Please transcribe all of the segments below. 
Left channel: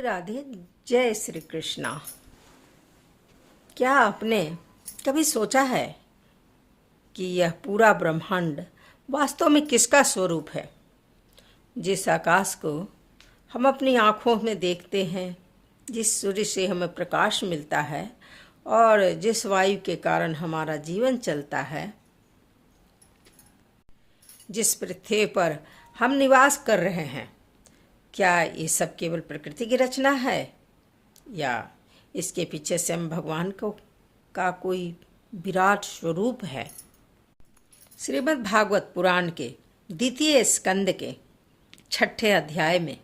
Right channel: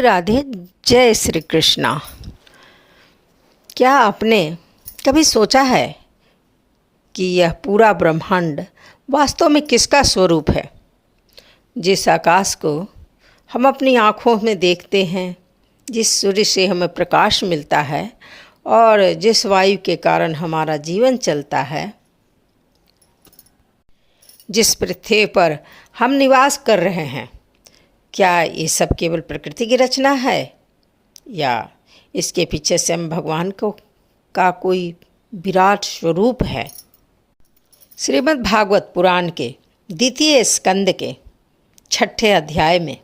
राधे। जय श्री कृष्णा। क्या आपने कभी सोचा है कि यह पूरा ब्रह्मांड वास्तव में किसका स्वरूप है? जिस आकाश को हम अपनी आँखों में देखते हैं, जिस सूर्य से हमें प्रकाश मिलता है और जिस वायु के कारण हमारा जीवन चलता है, जिस पृथ्वी पर हम निवास कर रहे हैं, क्या ये सब केवल प्रकृति की रचना है या इसके पीछे स्वयं भगवान को का कोई विराट स्वरूप है? श्रीमद् भागवत पुराण के द्वितीय स्कंद के 6ठे अध्याय में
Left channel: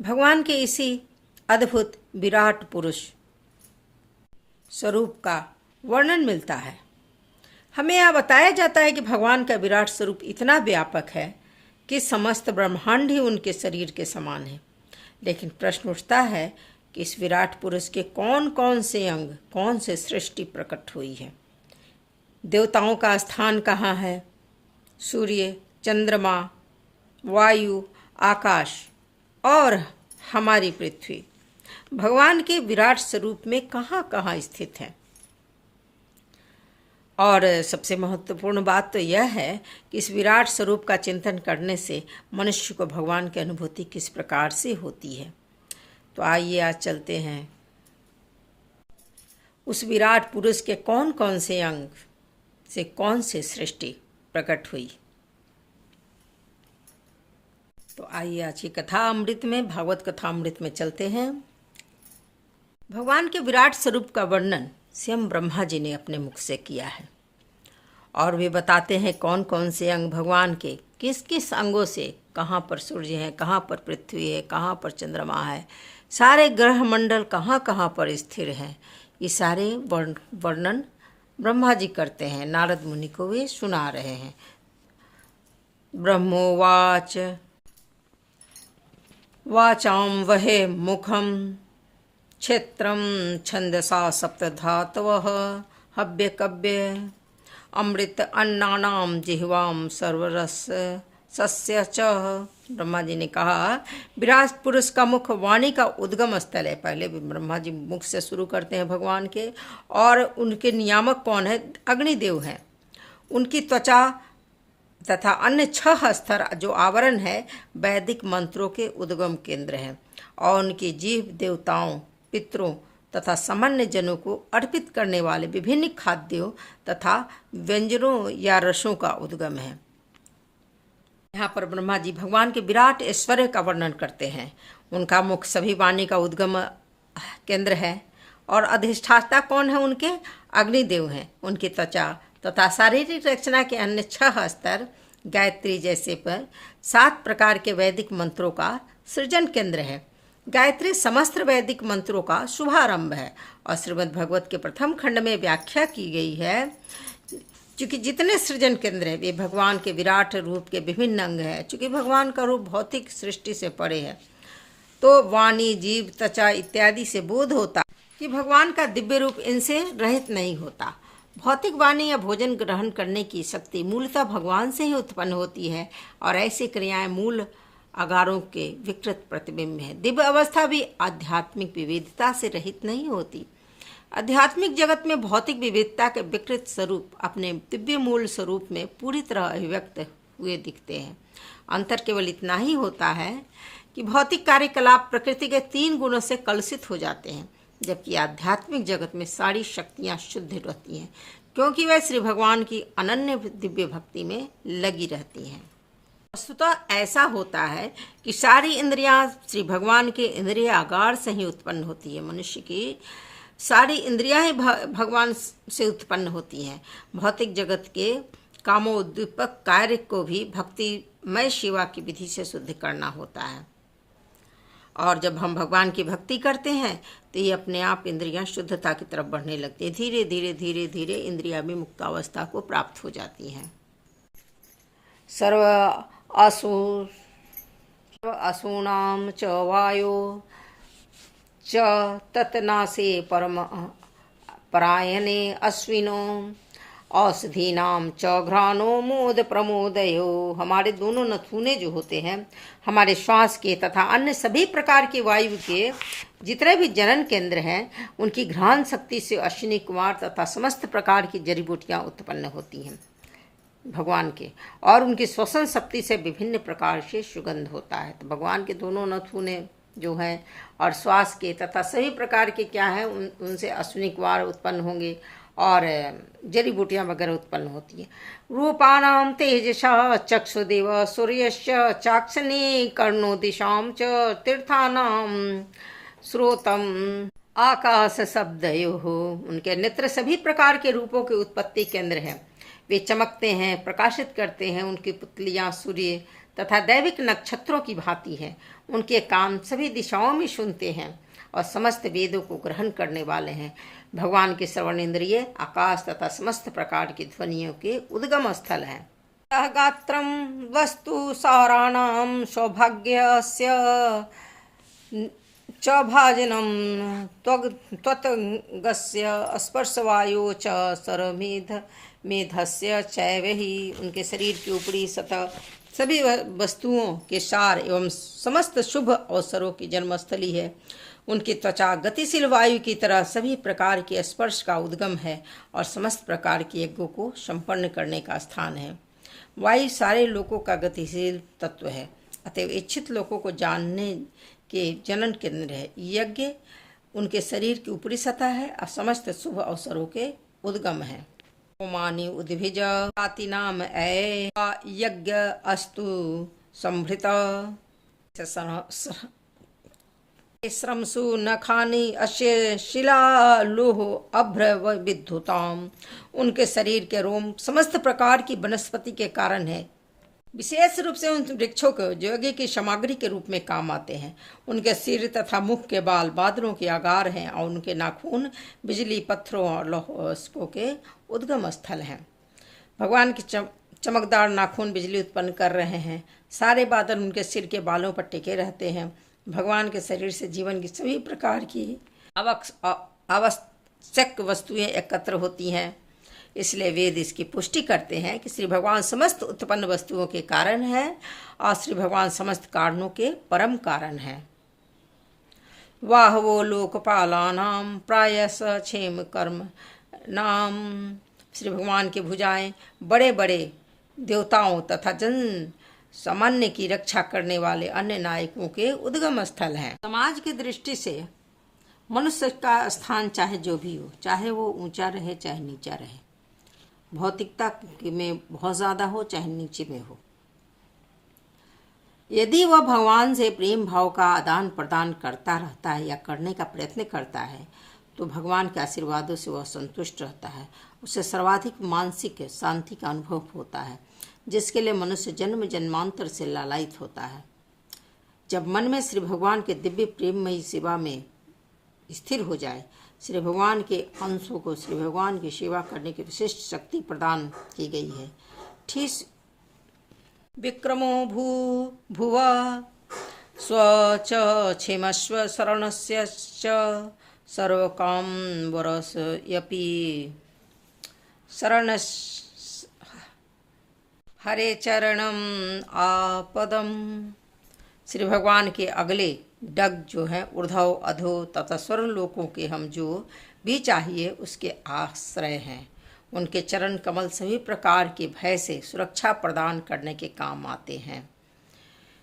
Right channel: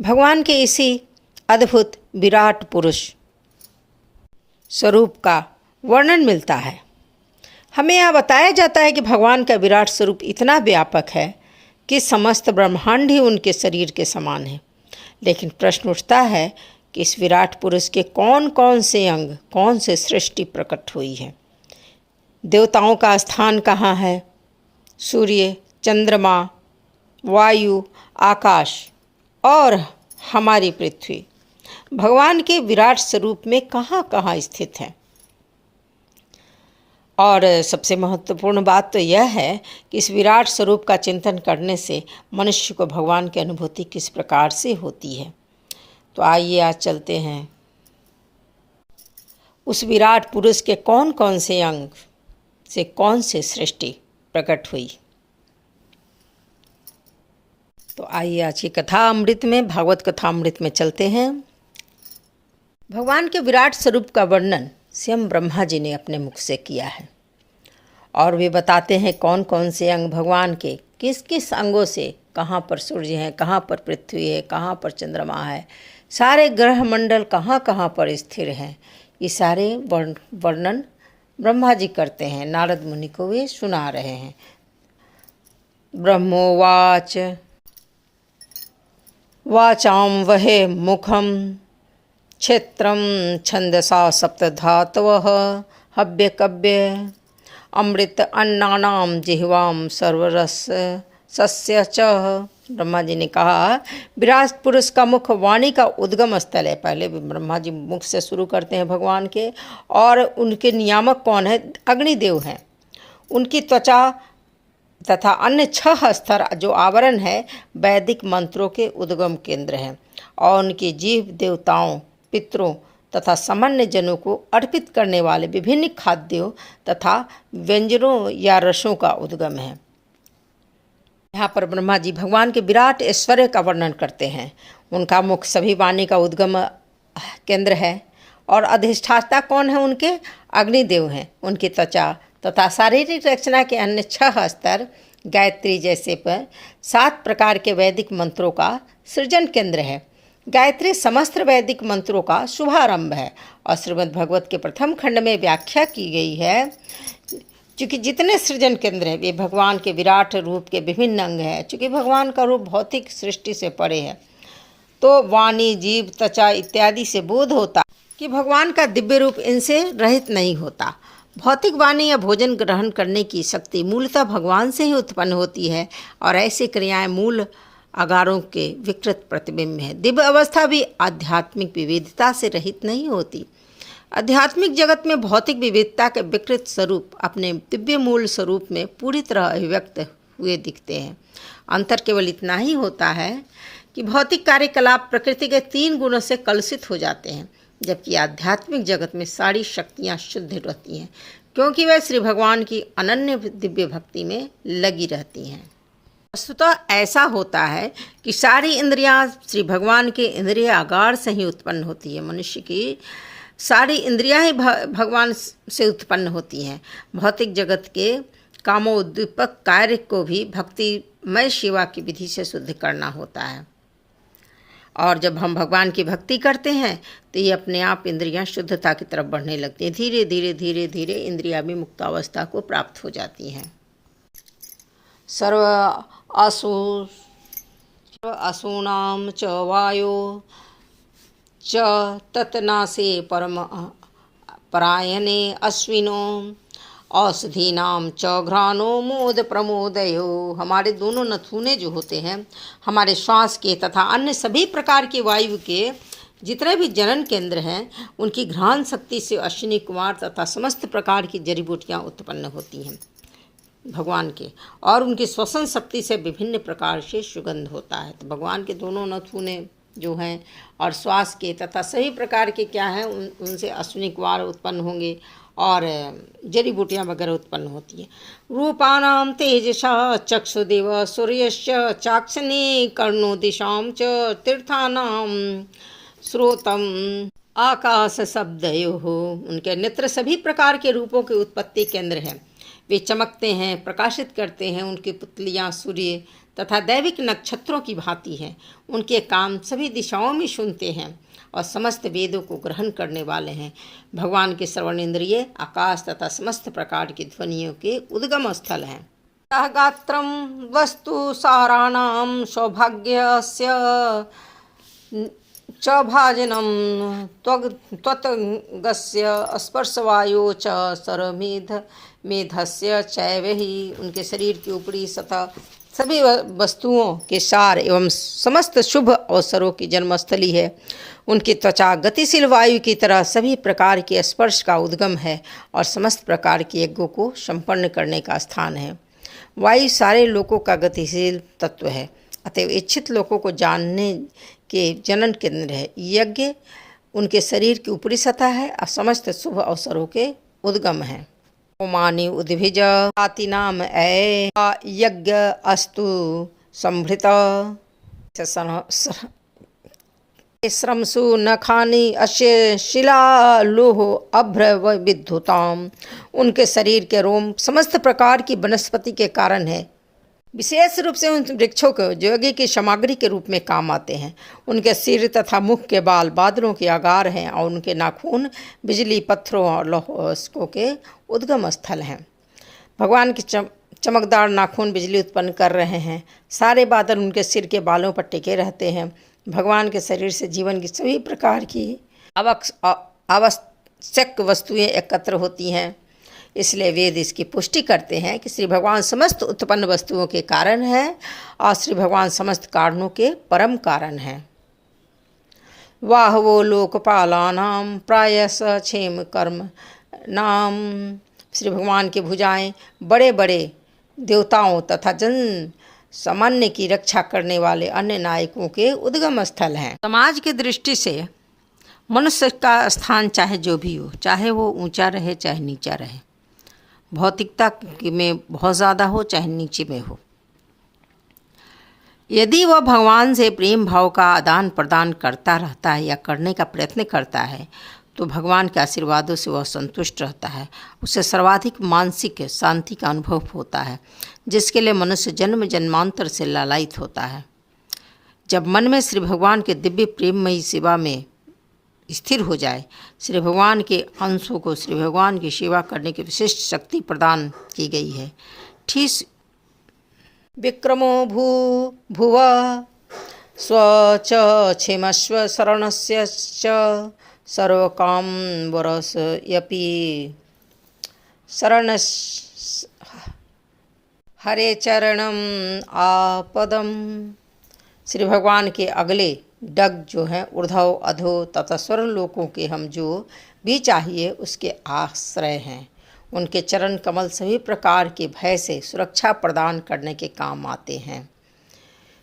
भगवान के इसी अद्भुत विराट पुरुष स्वरूप का वर्णन मिलता है। हमें यहाँ बताया जाता है कि भगवान का विराट स्वरूप इतना व्यापक है कि समस्त ब्रह्मांड ही उनके शरीर के समान है। लेकिन प्रश्न उठता है कि इस विराट पुरुष के कौन कौन से अंग, कौन से सृष्टि प्रकट हुई है? देवताओं का स्थान कहाँ है? सूर्य, चंद्रमा, वायु, आकाश और हमारी पृथ्वी भगवान के विराट स्वरूप में कहाँ कहाँ स्थित है? और सबसे महत्वपूर्ण बात तो यह है कि इस विराट स्वरूप का चिंतन करने से मनुष्य को भगवान की अनुभूति किस प्रकार से होती है। तो आइए आज चलते हैं उस विराट पुरुष के कौन कौन से अंग से कौन से सृष्टि प्रकट हुई। तो आइए आज की कथा अमृत में, भागवत कथा अमृत में चलते हैं। भगवान के विराट स्वरूप का वर्णन स्वयं ब्रह्मा जी ने अपने मुख से किया है और वे बताते हैं कौन कौन से अंग भगवान के, किस किस अंगों से कहाँ पर सूर्य है, कहाँ पर पृथ्वी है, कहाँ पर चंद्रमा है, सारे ग्रह मंडल कहाँ कहाँ पर स्थिर हैं। ये सारे वर्णन ब्रह्मा जी करते हैं, नारद मुनि को वे सुना रहे हैं। ब्रह्मोवाच वाचाम वहे मुखम क्षेत्रम छंदसा सप्तधातवः हव्य कव्य अमृत अन्नानाम जिह्वाम सर्वरस सस्य च। ब्रह्मा जी ने कहा विराट पुरुष का मुख वाणी का उद्गम स्थल है। पहले ब्रह्मा जी मुख से शुरू करते हैं भगवान के, और उनके नियामक कौन है? अग्निदेव हैं। उनकी त्वचा तथा अन्य 6 स्तर जो आवरण है वैदिक मंत्रों के उद्गम केंद्र हैं, और उनकी जीव देवताओं, पितरों तथा सामान्य जनों को अर्पित करने वाले विभिन्न खाद्यों तथा व्यंजनों या रसों का उद्गम है। यहाँ पर ब्रह्मा जी भगवान के विराट ऐश्वर्य का वर्णन करते हैं। उनका मुख सभी वाणी का उद्गम केंद्र है, और अधिष्ठाता कौन है? उनके अग्निदेव हैं। उनकी त्वचा तथा शारीरिक रचना के अन्य 6 स्तर गायत्री जैसे पर 7 प्रकार के वैदिक मंत्रों का सृजन केंद्र है। गायत्री समस्त वैदिक मंत्रों का शुभारंभ है और श्रीमद् भागवत के प्रथम खंड में व्याख्या की गई है। चूँकि जितने सृजन केंद्र हैं वे भगवान के विराट रूप के विभिन्न अंग हैं। चूँकि भगवान का रूप भौतिक सृष्टि से परे है, तो वाणी, जीव, त्वचा इत्यादि से बोध होता कि भगवान का दिव्य रूप इनसे रहित नहीं होता। भौतिक वाणी या भोजन ग्रहण करने की शक्ति मूलतः भगवान से ही उत्पन्न होती है, और ऐसी क्रियाएं मूल आगारों के विकृत प्रतिबिंब है। दिव्य अवस्था भी आध्यात्मिक विविधता से रहित नहीं होती। आध्यात्मिक जगत में भौतिक विविधता के विकृत स्वरूप अपने दिव्य मूल स्वरूप में पूरी तरह अभिव्यक्त हुए दिखते हैं। अंतर केवल इतना ही होता है कि भौतिक कार्यकलाप प्रकृति के 3 गुणों से कलुषित हो जाते हैं, जबकि आध्यात्मिक जगत में सारी शक्तियाँ शुद्ध रहती हैं, क्योंकि वह श्री भगवान की अनन्य दिव्य भक्ति में लगी रहती हैं। वस्तुतः ऐसा होता है कि सारी इंद्रियां श्री भगवान के इंद्रिय आगार से ही उत्पन्न होती है। मनुष्य की सारी इंद्रियां ही भगवान से उत्पन्न होती हैं। भौतिक जगत के कामोद्दीपक कार्य को भी भक्तिमय सेवा की विधि से शुद्ध करना होता है, और जब हम भगवान की भक्ति करते हैं तो ये अपने आप इंद्रियां शुद्धता की तरफ बढ़ने लगती हैं। धीरे धीरे धीरे धीरे इंद्रियां भी मुक्तावस्था को प्राप्त हो जाती हैं। सर्व असूनां च वायो च तत्नासे परम परायणे अश्विनो औषधीनाम च घ्राणो मोद प्रमोदयो। हमारे दोनों नथुने जो होते हैं, हमारे श्वास के तथा अन्य सभी प्रकार की वायु के जितने भी जनन केंद्र हैं, उनकी घ्राण शक्ति से अश्विनी कुमार तथा समस्त प्रकार की जड़ी बूटियाँ उत्पन्न होती हैं भगवान के, और उनकी श्वसन शक्ति से विभिन्न प्रकार से सुगंध होता है। तो भगवान के दोनों नथुने जो हैं और श्वास के तथा सभी प्रकार के क्या हैं, उनसे अश्विनी कुमार उत्पन्न होंगे और जड़ी बूटियाँ वगैरह उत्पन्न होती हैं। रूपाणाम तेजसा चक्षुदेव सूर्यस्य चाक्षने कर्णो दिशाम च तीर्थानाम श्रोतम आकाश शब्दयो। उनके नेत्र सभी प्रकार के रूपों के उत्पत्ति केंद्र हैं। वे चमकते हैं, प्रकाशित करते हैं। उनकी पुतलियाँ सूर्य तथा दैविक नक्षत्रों की भांति हैं। उनके कान सभी दिशाओं में सुनते हैं और समस्त वेदों को ग्रहण करने वाले हैं। भगवान के श्रवण इंद्रिय आकाश तथा समस्त प्रकार की ध्वनियों के उद्गम स्थल हैं। गात्रम वस्तु साराणाम सौभाग्यस्य च भाजनम त्वत्गस्य स्पर्शवायो च मेधस्य चैव ही। उनके शरीर की ऊपरी सतह सभी वस्तुओं के सार एवं समस्त शुभ अवसरों की जन्मस्थली है। उनकी त्वचा गतिशील वायु की तरह सभी प्रकार के स्पर्श का उद्गम है और समस्त प्रकार के यज्ञों को संपन्न करने का स्थान है। वायु सारे लोकों का गतिशील तत्व है, अतएव इच्छित लोगों को जानने के जनन केंद्र है। यज्ञ उनके शरीर की ऊपरी सतह है और समस्त शुभ अवसरों के उद्गम है। ओमानि उद्भिज जाति नाम ए यज्ञ अस्तु संभृत श्रमसु नखानि अश्य शिला लोह अभ्र विद्युताम। उनके शरीर के रोम समस्त प्रकार की वनस्पति के कारण है। विशेष रूप से उन वृक्षों को जो यज्ञ की सामग्री के रूप में काम आते हैं। उनके सिर तथा मुख के बाल बादलों के आगार हैं और उनके नाखून बिजली, पत्थरों और लौहों के उद्गम स्थल हैं। भगवान के चमकदार नाखून बिजली उत्पन्न कर रहे हैं। सारे बादल उनके सिर के बालों पर टिके रहते हैं। भगवान के शरीर से जीवन की सभी प्रकार की आवश्यक वस्तुएं एकत्र होती हैं। इसलिए वेद इसकी पुष्टि करते हैं कि श्री भगवान समस्त उत्पन्न वस्तुओं के कारण है और श्री भगवान समस्त कारणों के परम कारण हैं। वाह वो लोकपालानाम प्रायस क्षेम कर्म नाम। श्री भगवान की भुजाएं बड़े बड़े देवताओं तथा जन सामान्य की रक्षा करने वाले अन्य नायकों के उद्गम स्थल हैं। समाज की दृष्टि से मनुष्य का स्थान चाहे जो भी हो, चाहे वो ऊंचा रहे चाहे नीचा रहे, भौतिकता में बहुत ज़्यादा हो चाहे नीचे में हो, यदि वह भगवान से प्रेम भाव का आदान प्रदान करता रहता है या करने का प्रयत्न करता है, तो भगवान के आशीर्वादों से वह संतुष्ट रहता है। उसे सर्वाधिक मानसिक शांति का अनुभव होता है, जिसके लिए मनुष्य जन्म जन्मांतर से लालायित होता है। जब मन में श्री भगवान के दिव्य प्रेममयी सेवा में स्थिर हो जाए, श्री भगवान के अंशों को श्री भगवान की सेवा करने की विशिष्ट शक्ति प्रदान की गई है। ठीक विक्रमो भुव स्वच क्षेमस्व शरणस्य च सर्वकाम वरस यपि शरण हरे चरणम आपदम। श्री भगवान के अगले डग जो हैं ऊर्ध्व अधो तथा स्वर लोकों के हम जो भी चाहिए उसके आश्रय हैं। उनके चरण कमल सभी प्रकार के भय से सुरक्षा प्रदान करने के काम आते हैं।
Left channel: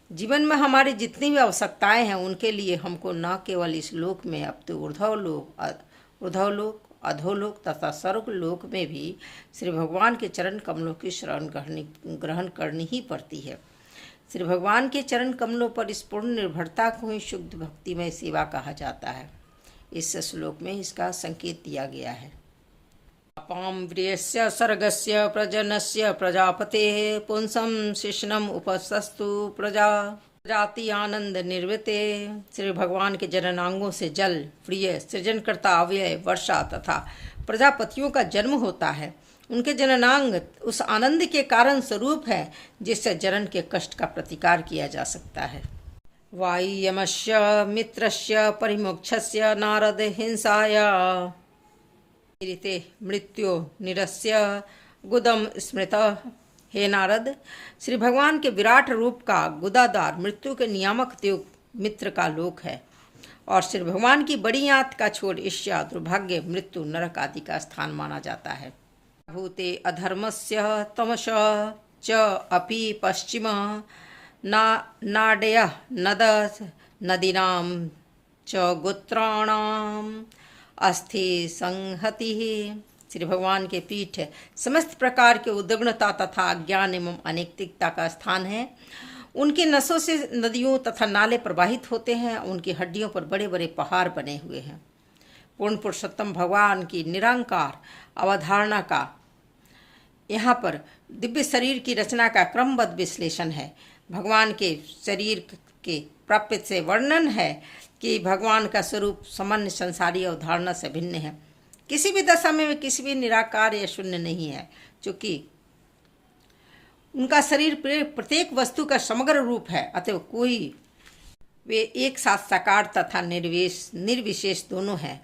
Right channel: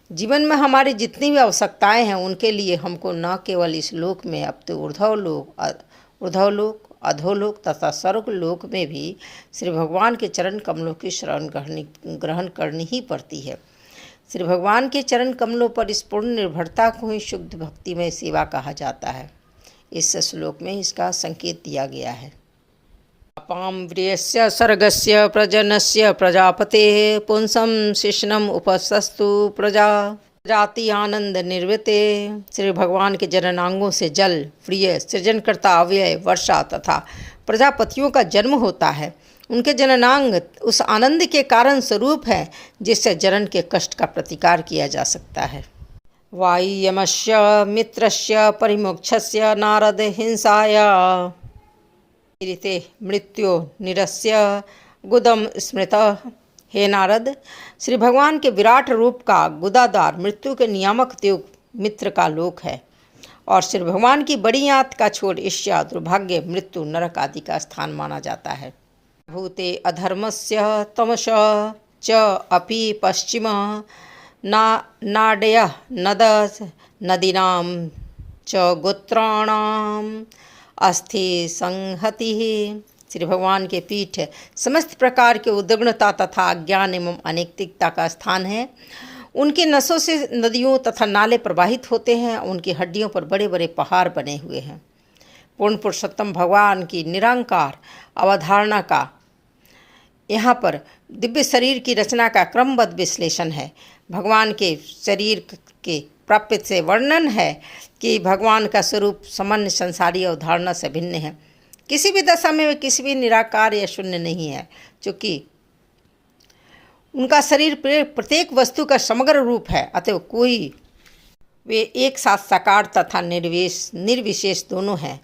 जीवन में हमारी जितनी भी आवश्यकताएं हैं उनके लिए हमको न केवल इस लोक में अपितु ऊर्ध्वलोक अधोलोक तथा स्वर्गलोक में भी श्री भगवान के चरण कमलों की शरण ग्रहण करनी ही पड़ती है। श्री भगवान के चरण कमलों पर इस पूर्ण निर्भरता को ही शुद्ध भक्तिमय सेवा कहा जाता है। इस श्लोक में इसका संकेत दिया गया है। अपाम व्रियस्य सर्गस्य प्रजनस्य प्रजापते पुंसम शिष्णम उपसस्तु प्रजाति आनंद निर्वृते। श्री भगवान के जननांगों से जल, प्रिय, सृजनकर्ता, अव्यय, वर्षा तथा प्रजापतियों का जन्म होता है। उनके जननांग उस आनंद के कारण स्वरूप है जिससे जनन के कष्ट का प्रतिकार किया जा सकता है। वायुयमस्य मित्रस्य परिमोक्षस्य नारद हिंसाया रीते मृत्यो निरस्य गुदम स्मृत। हे नारद, श्री भगवान के विराट रूप का गुदादार मृत्यु के नियामक देव मित्र का लोक है और श्री भगवान की बड़ी आंत का छोड़ ईर्ष्या, दुर्भाग्य, मृत्यु, नरक आदि का स्थान माना जाता है। भूते अधर्मस्य तमस च अपि पश्चिम नाडय नद नदीनां च गोत्राणाम अस्थि संहति। श्री भगवान के पीठ समस्त प्रकार के उद्विग्नता तथा अज्ञान एवं अनैतिकता का स्थान है। उनकी नसों से नदियों तथा नाले प्रवाहित होते हैं। उनकी हड्डियों पर बड़े बड़े पहाड़ बने हुए हैं। पूर्ण पुरुषोत्तम भगवान की निरंकार अवधारणा का यहाँ पर दिव्य शरीर की रचना का क्रमबद्ध विश्लेषण है। भगवान के शरीर के प्राप्य से वर्णन है कि भगवान का स्वरूप सामान्य संसारी अवधारणा से भिन्न है। किसी भी दशा में वे किसी भी निराकार या शून्य नहीं है, क्योंकि उनका शरीर प्रत्येक वस्तु का समग्र रूप है। अतः वे एक साथ साकार तथा निर्विशेष दोनों हैं।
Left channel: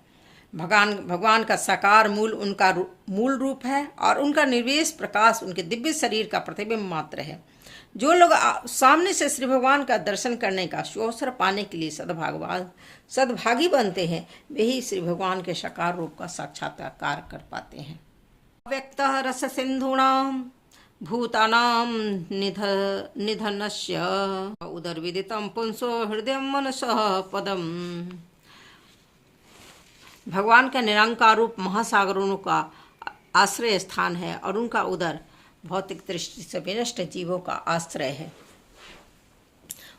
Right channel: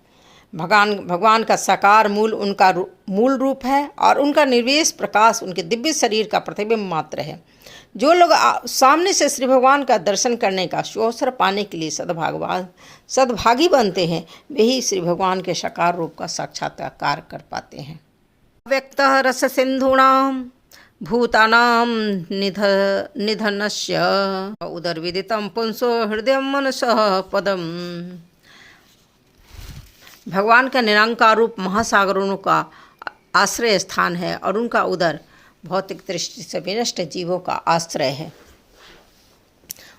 भगवान का साकार मूल उनका मूल रूप है और उनका निर्विशेष प्रकाश उनके दिव्य शरीर का प्रतिबिंब मात्र है। जो लोग सामने से श्री भगवान का दर्शन करने का सुअवसर पाने के लिए सद्भागी बनते हैं, वे ही श्री भगवान के साकार रूप का साक्षात्कार कर पाते हैं। व्यक्त रस सिंधूणाम भूतानां निधनस्य उदरविदितं पुंसो हृदय मनसः पदम। भगवान का निरंकार रूप महासागरों का आश्रय स्थान है और उनका उदर भौतिक दृष्टि से विनष्ट जीवों का आश्रय है।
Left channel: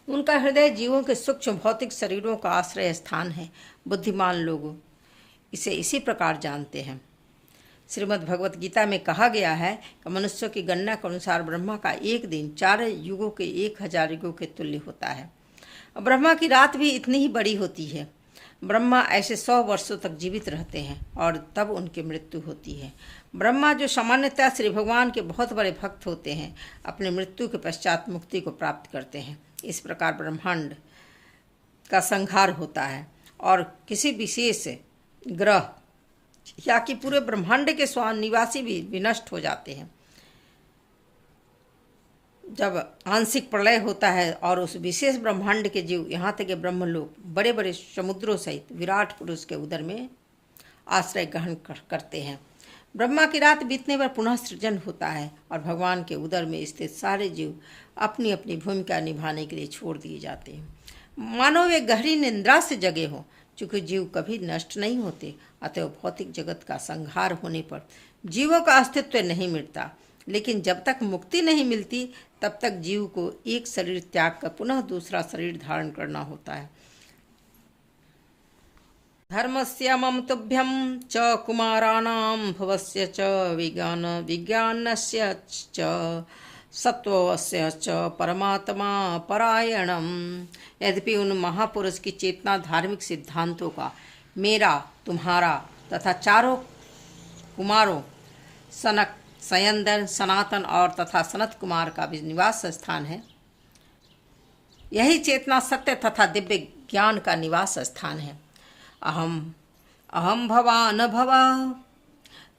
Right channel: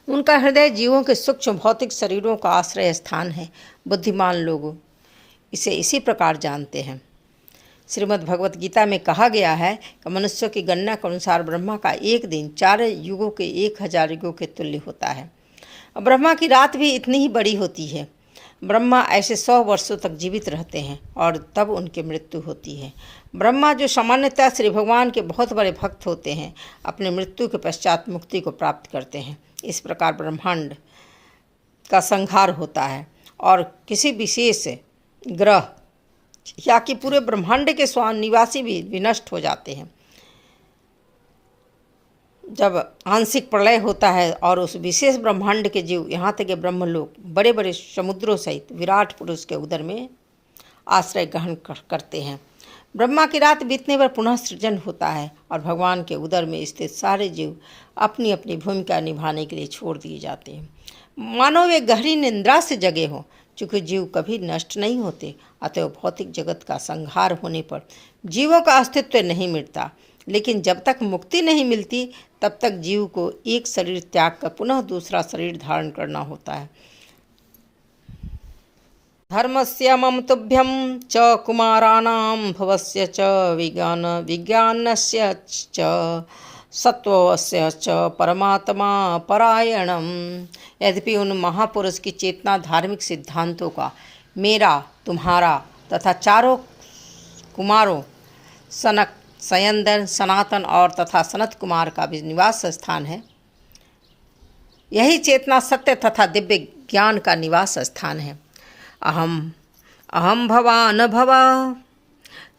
उनका हृदय जीवों के सूक्ष्म भौतिक शरीरों का आश्रय स्थान है। बुद्धिमान लोग इसे इसी प्रकार जानते हैं। श्रीमद् भगवत गीता में कहा गया है कि मनुष्यों की गणना के अनुसार ब्रह्मा का एक दिन 4 युगों के 1000 युगों के तुल्य होता है। ब्रह्मा की रात भी इतनी ही बड़ी होती है। ब्रह्मा ऐसे 100 वर्षों तक जीवित रहते हैं और तब उनकी मृत्यु होती है। ब्रह्मा, जो सामान्यतः श्री भगवान के बहुत बड़े भक्त होते हैं, अपने मृत्यु के पश्चात मुक्ति को प्राप्त करते हैं। इस प्रकार ब्रह्मांड का संहार होता है और किसी विशेष ग्रह या कि पूरे ब्रह्मांड के निवासी भी विनष्ट हो जाते हैं। जब आंशिक प्रलय होता है और उस विशेष ब्रह्मांड के जीव, यहाँ तक कि ब्रह्मलोक, बड़े बड़े समुद्रों सहित विराट पुरुष के उदर में आश्रय ग्रहण करते हैं। ब्रह्मा की रात बीतने पर पुनः सृजन होता है और भगवान के उदर में स्थित सारे जीव अपनी अपनी भूमिका निभाने के लिए छोड़ दिए जाते हैं। मानो वे गहरी निंद्रा से जगे हों। चूँकि जीव कभी नष्ट नहीं होते, अतः भौतिक जगत का संहार होने पर जीवों का अस्तित्व नहीं मिटता। लेकिन जब तक मुक्ति नहीं मिलती, तब तक जीव को एक शरीर त्याग कर पुनः दूसरा शरीर धारण करना होता है। धर्मस्य मम तुभ्यं च कुमाराणां भवस्य च विज्ञानस्य च सत्वस्य च परमात्मा परायणम। यद्यपि उन महापुरुष की चेतना धार्मिक सिद्धांतों का मेरा, तुम्हारा तथा चारों कुमारों सनक, सयंदन, सनातन और तथा सनत कुमार का भी निवास स्थान है, यही चेतना सत्य तथा दिव्य ज्ञान का निवास स्थान है। अहम भवान भवा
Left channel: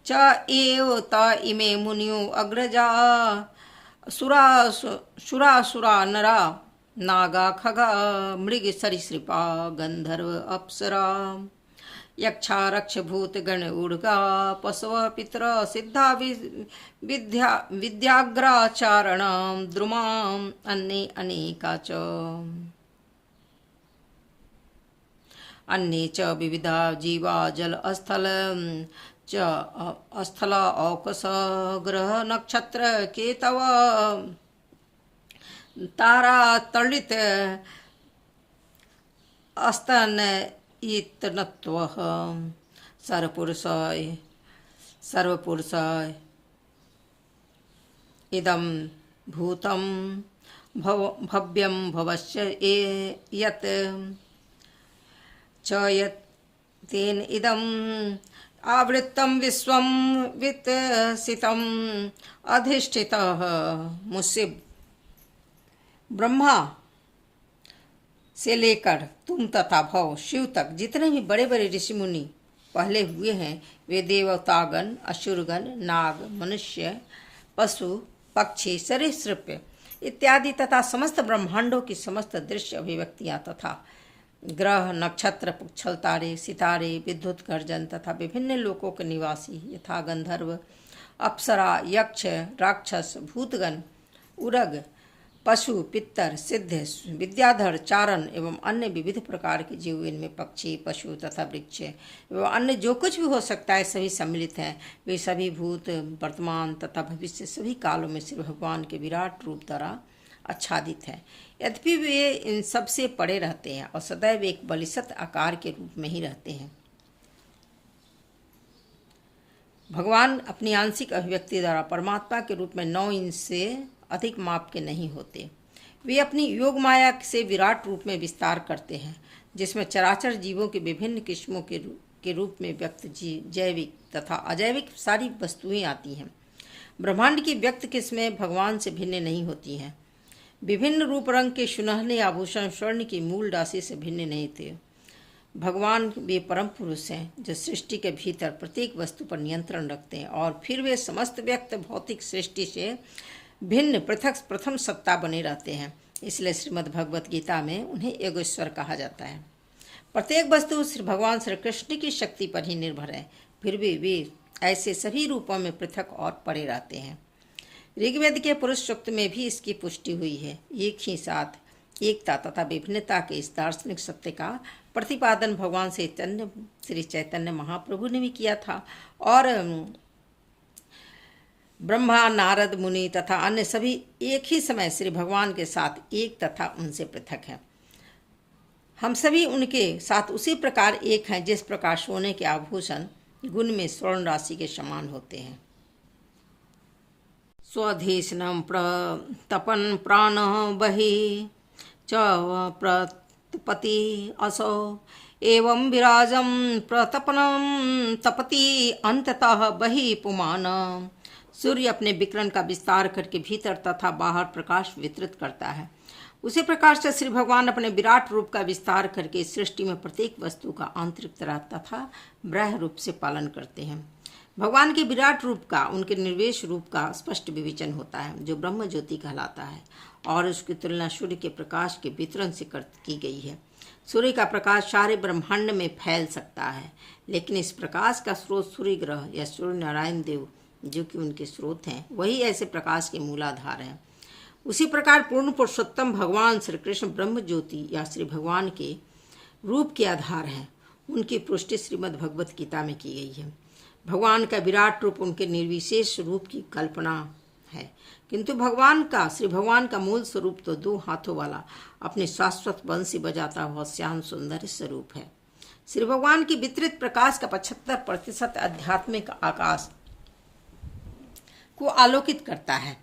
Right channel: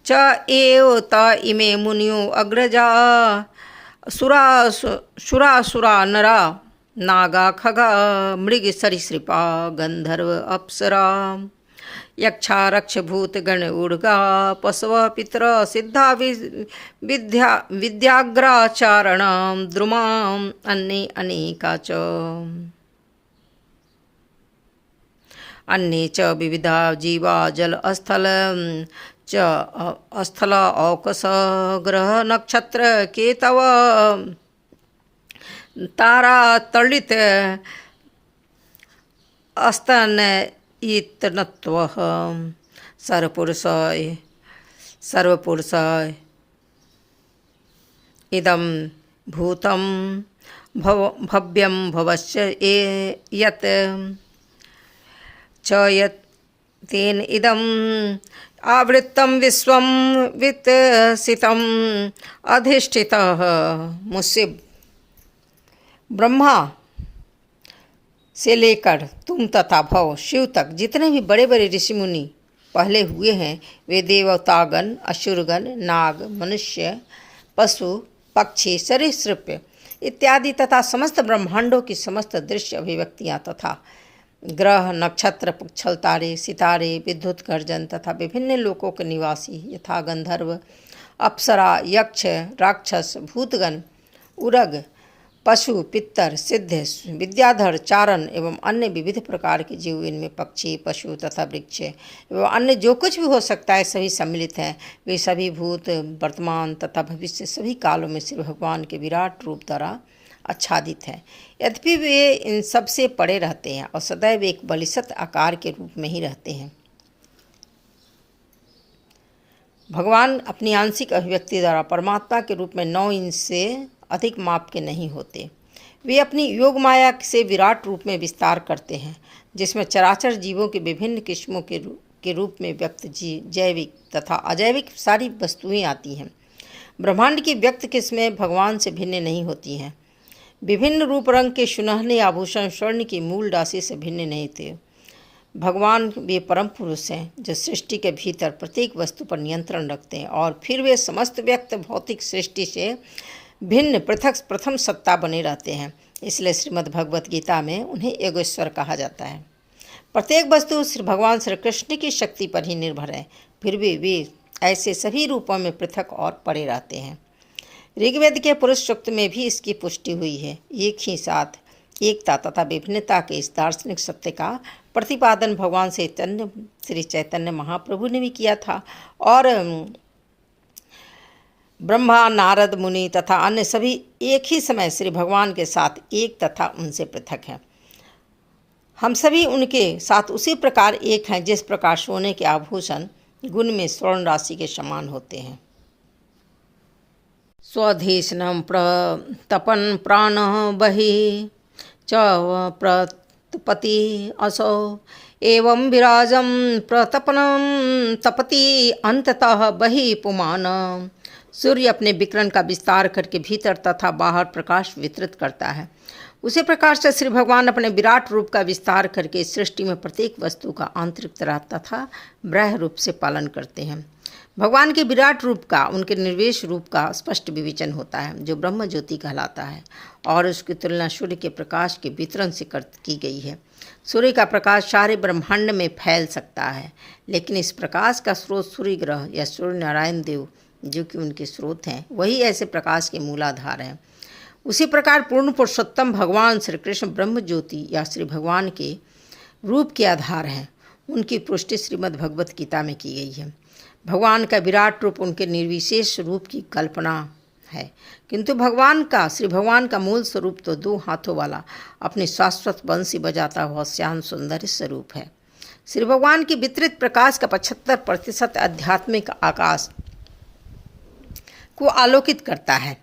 च एव त इमे मुनियो अग्रजा सुरा नरा नागा खगा मृग सरीसृपा गंधर्व अप्सरा यक्षा रक्ष भूत गण उर्गा पशव पितर सिद्धा विद्याग्राचारण द्रुमां अन्ये अनेका च अन्ये च विविधा जीवा जल स्थल च स्थल औकस ग्रह नक्षत्र केतव तारा तलित अस्तन इतनत्वः सर्वपुरुषाय इदं भूतं भव्यं भवस्य यत् च यत् तेन इदम् आवृत्तं विश्वं वितसितम् अधिष्ठितः। मुझसे ब्रह्मा से लेकर तुम तथा भव शिव तक जितने भी बड़े बड़े ऋषि मुनि पहले हुए हैं वे देवतागण, असुरगण, नाग, मनुष्य, पशु, पक्षी, सरीसृप इत्यादि तथा समस्त ब्रह्मांडों की समस्त दृश्य अभिव्यक्तियाँ तथा ग्रह, नक्षत्र, पुच्छल तारे, सितारे, विद्युत गर्जन तथा विभिन्न लोकों के निवासी यथा गंधर्व, अप्सरा, यक्ष, राक्षस, भूतगण, उरग, पशु, पितर, सिद्ध, विद्याधर, चारण एवं अन्य विविध प्रकार के जीव, इनमें पक्षी, पशु तथा वृक्ष एवं अन्य जो कुछ भी हो सकता है सभी सम्मिलित हैं। वे सभी भूत, वर्तमान तथा भविष्य सभी कालों में श्री भगवान के विराट रूप द्वारा आच्छादित हैं। यद्यपि वे इन सब से पड़े रहते हैं और सदैव एक बलिष्ठ आकार के रूप में ही रहते हैं। भगवान अपनी आंशिक अभिव्यक्ति द्वारा परमात्मा के रूप में 9 इंच से अधिक माप के नहीं होते। वे अपनी योग माया से विराट रूप में विस्तार करते हैं, जिसमें चराचर जीवों के विभिन्न किस्मों के रूप में व्यक्त जैविक तथा अजैविक सारी वस्तुएं आती हैं। ब्रह्मांड की व्यक्त किस्में भगवान से भिन्न नहीं होती हैं। विभिन्न रूप रंग के सुनहले आभूषण स्वर्ण की मूल राशि से भिन्न नहीं थे। भगवान वे परम पुरुष हैं जो सृष्टि के भीतर प्रत्येक वस्तु पर नियंत्रण रखते हैं और फिर वे समस्त व्यक्त भौतिक सृष्टि से भिन्न पृथक प्रथम सत्ता बने रहते हैं। इसलिए श्रीमद् भगवत गीता में उन्हें एगोश्वर कहा जाता है। प्रत्येक वस्तु श्री भगवान श्री कृष्ण की शक्ति पर ही निर्भर है, फिर भी वे ऐसे सभी रूपों में पृथक और पड़े रहते हैं। ऋग्वेद के पुरुष सूक्त में भी इसकी पुष्टि हुई है। एक ही साथ एकता तथा विभिन्नता के इस दार्शनिक सत्य का प्रतिपादन भगवान श्री चैतन्य महाप्रभु ने भी किया था और ब्रह्मा, नारद मुनि तथा अन्य सभी एक ही समय श्री भगवान के साथ एक तथा उनसे पृथक हैं। हम सभी उनके साथ उसी प्रकार एक हैं जिस प्रकार सोने के आभूषण गुण में स्वर्ण राशि के समान होते हैं। स्वधीष्णं प्रतपन प्राण बहि च प्रतपति असौ एवं विराजं प्रतपनं तपति अंततः बहि पुमान। सूर्य अपने विकिरण का विस्तार करके भीतर तथा बाहर प्रकाश वितरित करता है, उसी प्रकार से श्री भगवान अपने विराट रूप का विस्तार करके सृष्टि में प्रत्येक वस्तु का आंतरिक तथा बाह्य रूप से पालन करते हैं। भगवान के विराट रूप का उनके निर्वेश रूप का स्पष्ट विवेचन होता है, जो ब्रह्म ज्योति कहलाता है और उसकी तुलना सूर्य के प्रकाश के वितरण से की गई है। सूर्य का प्रकाश सारे ब्रह्मांड में फैल सकता है, लेकिन इस प्रकाश का स्रोत सूर्य ग्रह या सूर्य नारायण देव जो कि उनके स्रोत हैं, वही ऐसे प्रकाश के मूलाधार हैं। उसी प्रकार पूर्ण पुरुषोत्तम भगवान श्री कृष्ण ब्रह्म ज्योति या श्री भगवान के रूप के आधार हैं। उनकी पुष्टि श्रीमद् भगवत गीता में की गई है। भगवान का विराट रूप उनके निर्विशेष रूप की कल्पना है, किंतु श्री भगवान का मूल स्वरूप तो 2 हाथों वाला अपने शाश्वत बंसी बजाता हुआ श्याम सुंदर स्वरूप है। श्री भगवान की वितरित प्रकाश का 75% आध्यात्मिक आकाश को आलोकित करता है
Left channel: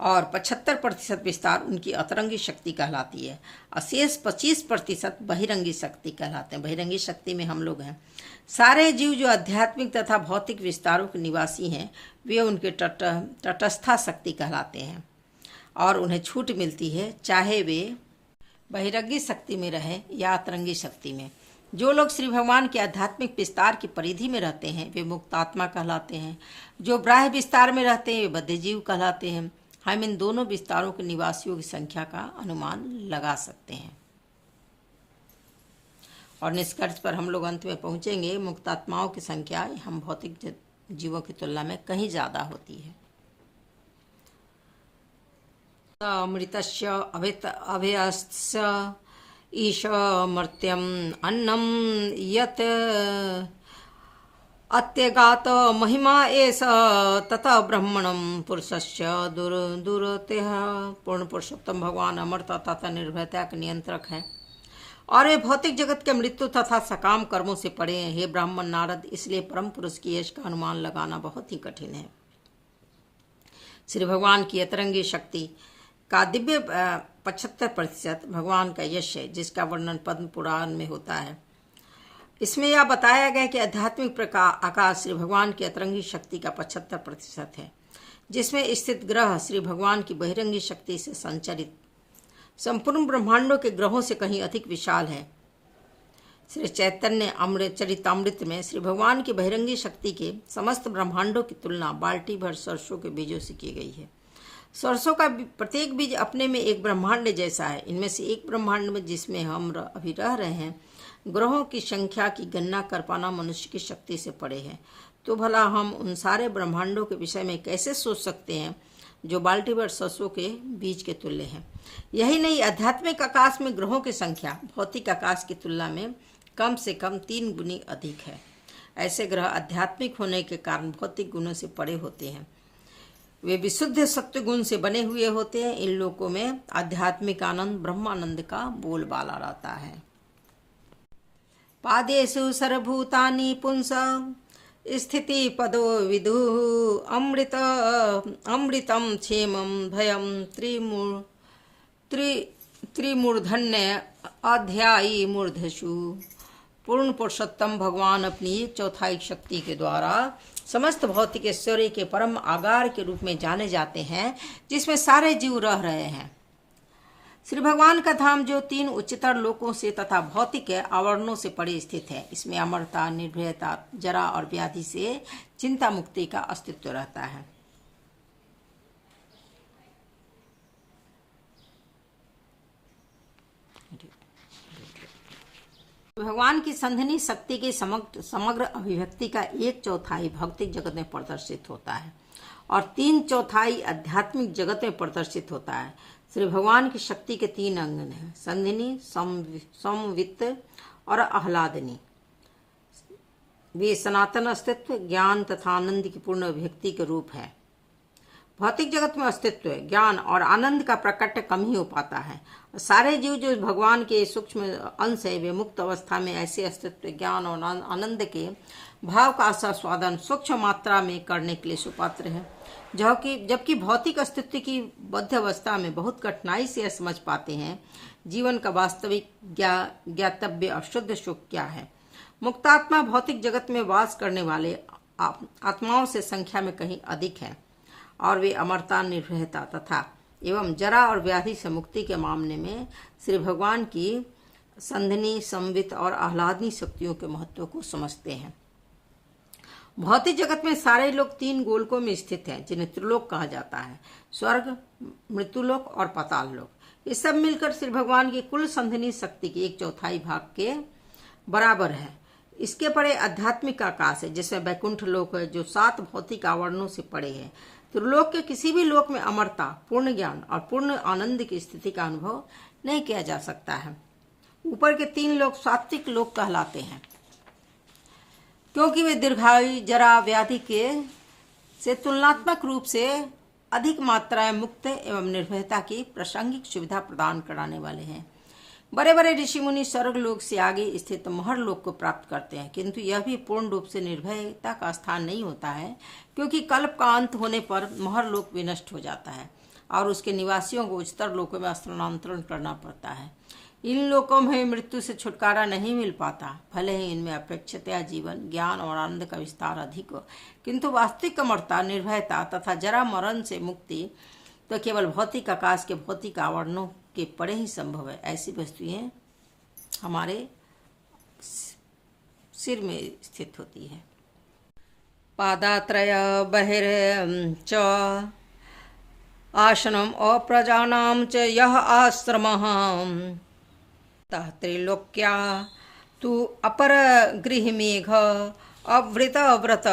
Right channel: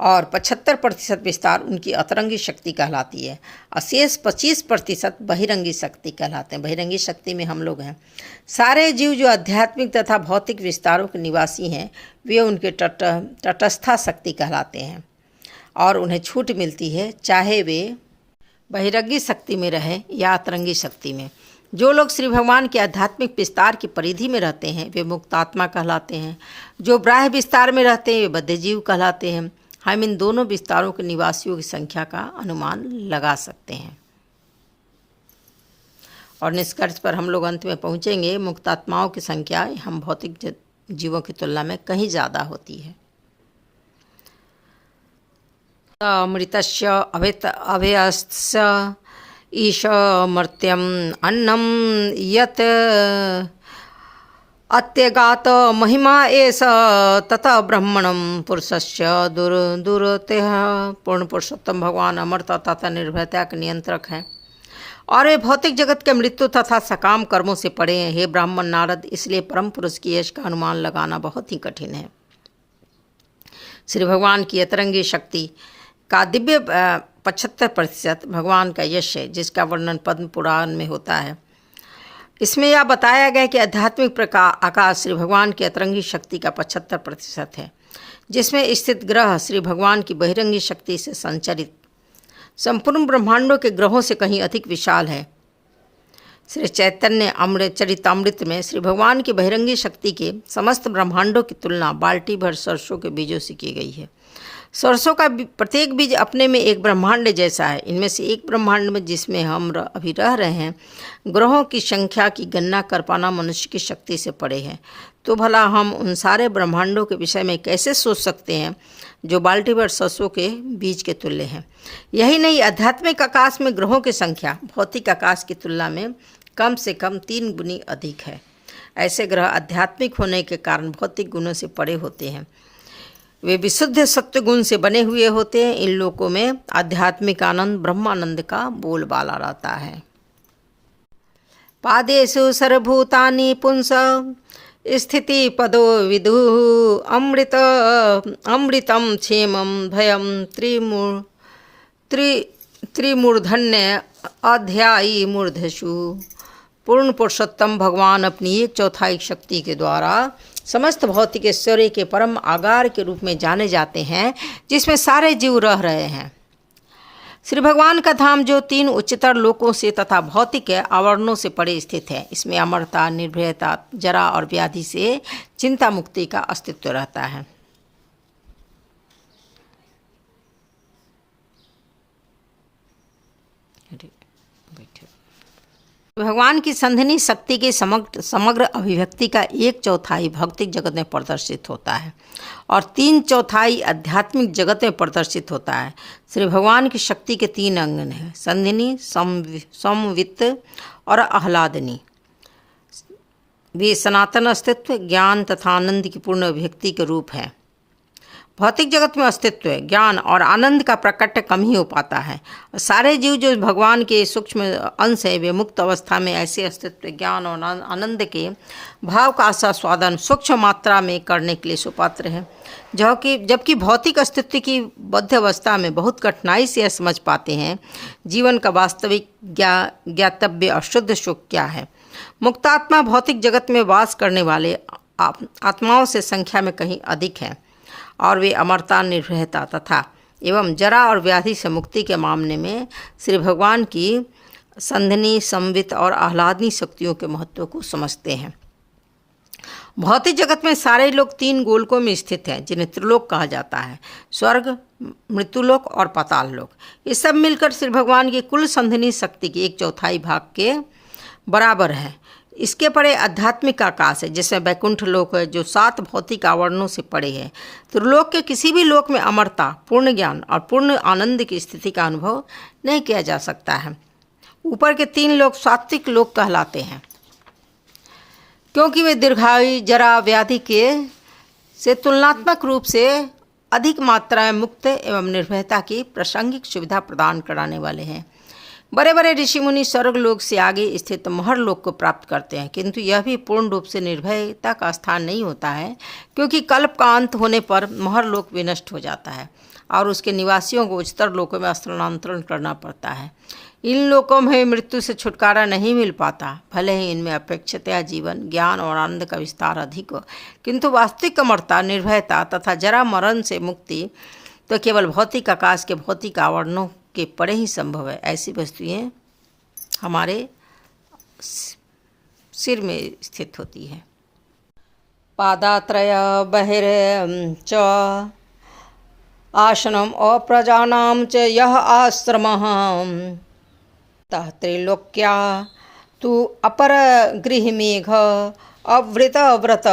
और 75% विस्तार उनकी अतरंगी शक्ति कहलाती है। अशेष 25% बहिरंगी शक्ति कहलाते हैं। बहिरंगी शक्ति में हम लोग हैं। सारे जीव जो आध्यात्मिक तथा भौतिक विस्तारों के निवासी हैं, वे उनके तटस्था शक्ति कहलाते हैं और उन्हें छूट मिलती है, चाहे वे बहिरंगी शक्ति में रहे या अतरंगी शक्ति में। जो लोग श्री भगवान के आध्यात्मिक विस्तार की परिधि में रहते हैं, वे मुक्तात्मा कहलाते हैं। जो बाह्य विस्तार में रहते हैं, वे बद्धजीव कहलाते हैं। हम इन दोनों विस्तारों के निवासियों की संख्या का अनुमान लगा सकते हैं और निष्कर्ष पर हम लोग अंत में पहुंचेंगे। मुक्तात्माओं की संख्या हम भौतिक जीवों की तुलना में कहीं ज़्यादा होती है। अमृतस्य अभयस्य ईशमर्त्यम अन्नम यत अत्यगात महिमा एष तथा ब्रह्मणम पुरुषस्य दुरतेह। पूर्ण पुरुषोत्तम भगवान अमरता तथा निर्भयता के नियंत्रक हैं और वे भौतिक जगत के मृत्यु तथा सकाम कर्मों से पड़े हैं। हे ब्राह्मण नारद, इसलिए परम पुरुष की यश का अनुमान लगाना बहुत ही कठिन है। श्री भगवान की अतरंगी शक्ति का दिव्य 75% भगवान का यश है, जिसका वर्णन पद्म पुराण में होता है। इसमें यह बताया गया कि आध्यात्मिक आकाश श्री भगवान की अतरंगी शक्ति का 75% है, जिसमें स्थित ग्रह श्री भगवान की बहिरंगी शक्ति से संचरित संपूर्ण ब्रह्मांडों के ग्रहों से कहीं अधिक विशाल है। श्री चैतन्य अमृत चरितामृत में श्री भगवान की बहिरंगी शक्ति के समस्त ब्रह्मांडों की तुलना बाल्टी भर सरसों के बीजों से की गई है। सरसों का प्रत्येक बीज अपने में एक ब्रह्मांड जैसा है। इनमें से एक ब्रह्मांड में जिसमें हम अभी रह रहे हैं, ग्रहों की संख्या की गणना कर पाना मनुष्य की शक्ति से परे है। तो भला हम उन सारे ब्रह्मांडों के विषय में कैसे सोच सकते हैं जो बाल्टी भर सरसों के बीज के तुल्य हैं। यही नहीं, आध्यात्मिक आकाश में ग्रहों की संख्या भौतिक आकाश की तुलना में कम से कम 3 गुनी अधिक है। ऐसे ग्रह आध्यात्मिक होने के कारण भौतिक गुणों से परे होते हैं। वे विशुद्ध सत्व गुण से बने हुए होते हैं। इन लोकों में आध्यात्मिक आनंद ब्रह्मानंद का बोलबाला रहता है। पादेषु सर्वभूतानि पुंस स्थिति पदो विदु अमृतम क्षेमम भयम त्रिमूर्धन्य अध्यायी मूर्धसु। पूर्ण पुरुषोत्तम भगवान अपनी 1/4 शक्ति के द्वारा समस्त भौतिक ऐश्वर्य के परम आगार के रूप में जाने जाते हैं, जिसमें सारे जीव रह रहे हैं। श्री भगवान का धाम जो 3 उच्चतर लोकों से तथा भौतिक आवरणों से परे स्थित है, इसमें अमरता, निर्भयता, जरा और व्याधि से चिंता मुक्ति का अस्तित्व रहता है। भगवान की संधिनी शक्ति की समग्र अभिव्यक्ति का 1/4 भौतिक जगत में प्रदर्शित होता है और 3/4 आध्यात्मिक जगत में प्रदर्शित होता है। श्री भगवान की शक्ति के 3 अंग हैं: संधिनी, समवित्त और आह्लादनी। वे सनातन अस्तित्व, ज्ञान तथा आनंद की पूर्ण अभिव्यक्ति के रूप है। भौतिक जगत में अस्तित्व, ज्ञान और आनंद का प्रकट कम ही हो पाता है। सारे जीव जो भगवान के सूक्ष्म अंश है, वे मुक्त अवस्था में ऐसे अस्तित्व, ज्ञान और आनंद के भाव का आस्वादन सूक्ष्म मात्रा में करने के लिए सुपात्र है। जबकि भौतिक अस्तित्व की बद्ध अवस्था में बहुत कठिनाई से यह समझ पाते हैं जीवन का वास्तविक ज्ञातव्य और शुद्ध सुख क्या है। मुक्तात्मा भौतिक जगत में वास करने वाले आत्माओं से संख्या में कहीं अधिक है और वे अमरता, निर्भयता तथा एवं जरा और व्याधि से मुक्ति के मामले में श्री भगवान की संधिनी, संवित और आह्लादनी शक्तियों के महत्व को समझते हैं। भौतिक जगत में सारे लोग 3 गोलकों में स्थित हैं, जिन्हें त्रिलोक कहा जाता है: स्वर्ग, मृत्युलोक और पाताल लोक। ये सब मिलकर श्री भगवान की कुल संधिनी शक्ति के 1/4 भाग के बराबर है। इसके परे आध्यात्मिक आकाश है, जिसमें वैकुंठ लोक है, जो 7 भौतिक आवरणों से परे है। त्रिलोक के किसी भी लोक में अमरता, पूर्ण ज्ञान और पूर्ण आनंद की स्थिति का अनुभव नहीं किया जा सकता है। ऊपर के 3 लोक सात्विक लोक कहलाते हैं, क्योंकि वे दीर्घायु, जरा, व्याधि के से तुलनात्मक रूप से अधिक मात्रा में मुक्त एवं निर्भयता की प्रासंगिक सुविधा प्रदान कराने वाले हैं। बड़े बड़े ऋषि मुनि स्वर्ग लोक से आगे स्थित महर लोक को प्राप्त करते हैं, किंतु यह भी पूर्ण रूप से निर्भयता का स्थान नहीं होता है, क्योंकि कल्प का अंत होने पर महर लोक विनष्ट हो जाता है और उसके निवासियों को उच्चतर लोकों में स्थानांतरण करना पड़ता है। इन लोकों में मृत्यु से छुटकारा नहीं मिल पाता, भले ही इनमें अपेक्षितया जीवन, ज्ञान और आनंद का विस्तार अधिक हो, किंतु वास्तविक अमरता, निर्भयता तथा जरा मरण से मुक्ति तो केवल भौतिक आकाश के भौतिक आवरणों के परे ही संभव है। ऐसी वस्तुएं हमारे सिर में स्थित होती है। पादात्रय बहिर च आसनम अप्रजानाम च यह आश्रमः तः त्रिलोक्या तु अपर गृह मेघ अवृत व्रत।